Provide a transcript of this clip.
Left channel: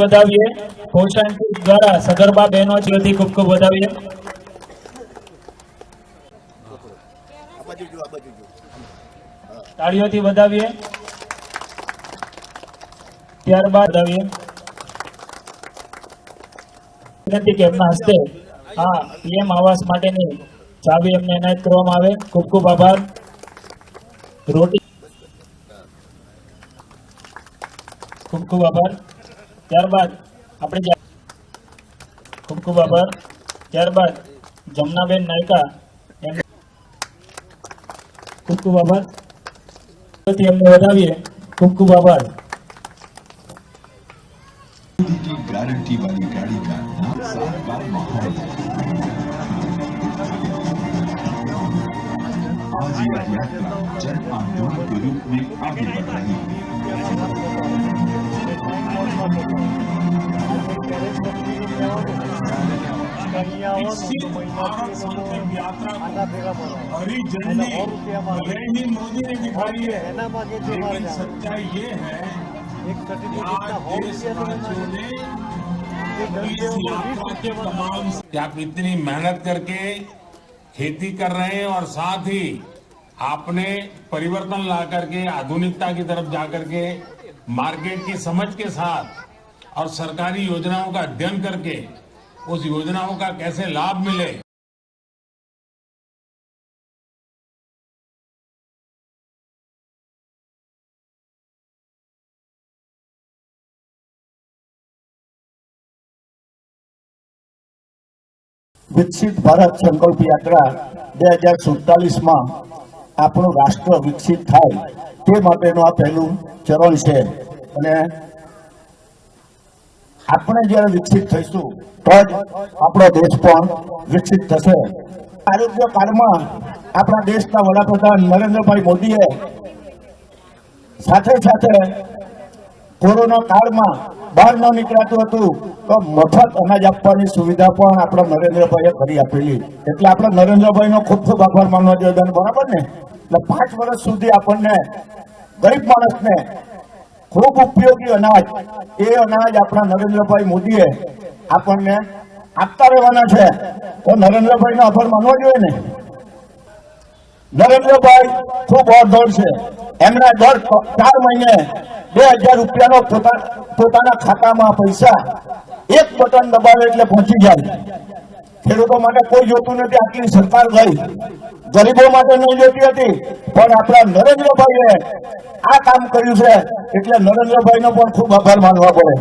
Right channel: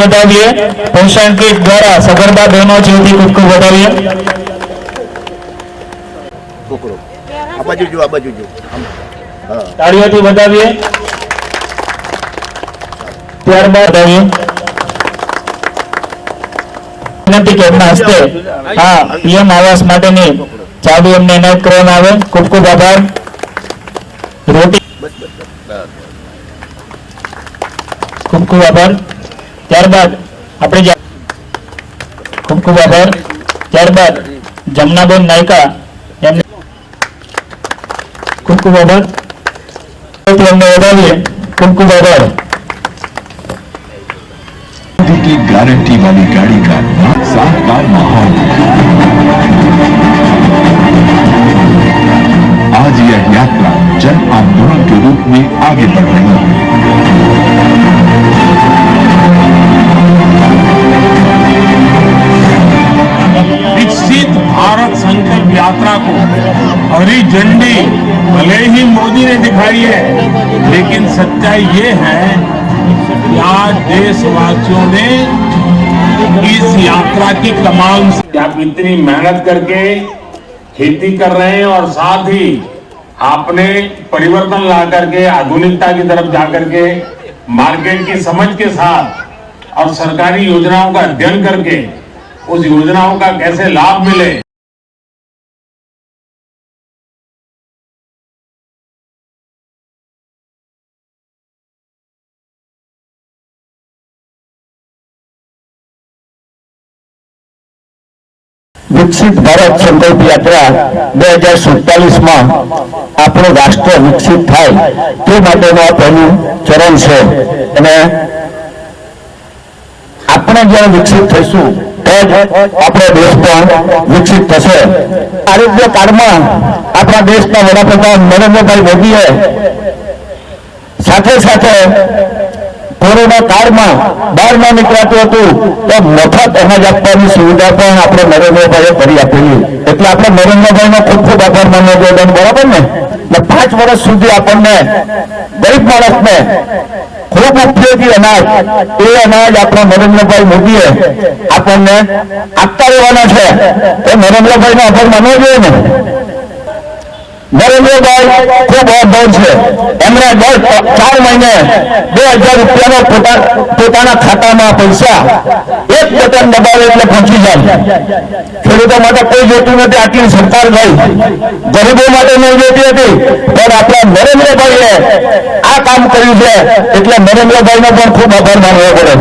बताइए पोषण किट द्वारा सगर्भा बहनों जीवती खूब खूब बताइए। ताड़ियों बताइए। त्यारबाद बताइए विनंती के हस्ते हाँ पीएम आवास माटेनी चाबी अમને એનાયત કરવામાં આવે। ખૂબ ખૂબ આભાર। રોટી ખૂબ ખૂબ આભાર। ત્યારબાદ આપણે ખૂબ ખૂબ આભાર। ત્યારબાદ જમનાબેન નાયકા એમને ખૂબ ખૂબ આભાર। અમને વધાવીએ। ખૂબ ખૂબ આભાર। की गारंटी वाली गाड़ी का शानदार माहौल। आज यह यात्रा जन आंदोलन के रूप में आगे बढ़ रही है। विकसित भारत संकल्प यात्रा को हरी झंडी भले ही मोदी ने दिखाई है, लेकिन सच्चाई ये है आज देशवासियों ने इस यात्रा की कमाल से आप इतनी मेहनत करके खेती कर रहे हैं और साथ ही आपने परिवर्तन ला करके आधुनिकता की तरफ जाकर के मार्केट की समझ के साथ और सरकारी योजनाओं का अध्ययन करके उस योजनाओं का कैसे लाभ मिले। विकसित भारत संकल्प यात्रा 2047 में આપણું રાષ્ટ્ર વિકસિત થાય તે માટેનું આ પહેલું ચરણ છે અને આપણે જ્યારે વિકસિત થઈશું તો જ આપણો દેશ પણ વિકસિત થશે। આરોગ્ય કાર્ડમાં આપણા દેશના વડાપ્રધાન નરેન્દ્રભાઈ મોદીએ સાથે સાથે કોરોના કાળમાં બહાર ન નીકળાતું હતું તો મફત અનાજ આપવાની સુવિધા પણ આપણે નરેન્દ્રભાઈએ કરી આપેલી। એટલે આપણે નરેન્દ્રભાઈનો ખૂબ ખૂબ આભાર માનવો જોઈએ, બરાબર ને? 5 વર્ષ સુધી આપણને ગરીબ માણસને ખૂબ ઉપયોગી અનાજ એ અનાજ આપણા નરેન્દ્રભાઈ મોદીએ આપણને આપતા રહેવાના છે। તો નરેન્દ્રભાઈનો આભાર માનવો જોઈએ ને। નરેન્દ્રભાઈ ખૂબ અભણ છે। એમણે દર 4 મહિને 2000 રૂપિયાનો પોતાના ખાતામાં પૈસા એક બટન દબાવે એટલે પહોંચી જાય। ખેડૂતો માટે કોઈ જોતું નથી, આટલી સરકાર ગઈ ગરીબો માટે નહીં જોતી હતી, પણ આપણા નરેન્દ્રભાઈએ આ કામ કર્યું છે એટલે નરેન્દ્રભાઈનો પણ ખૂબ આભાર માનવો પડે।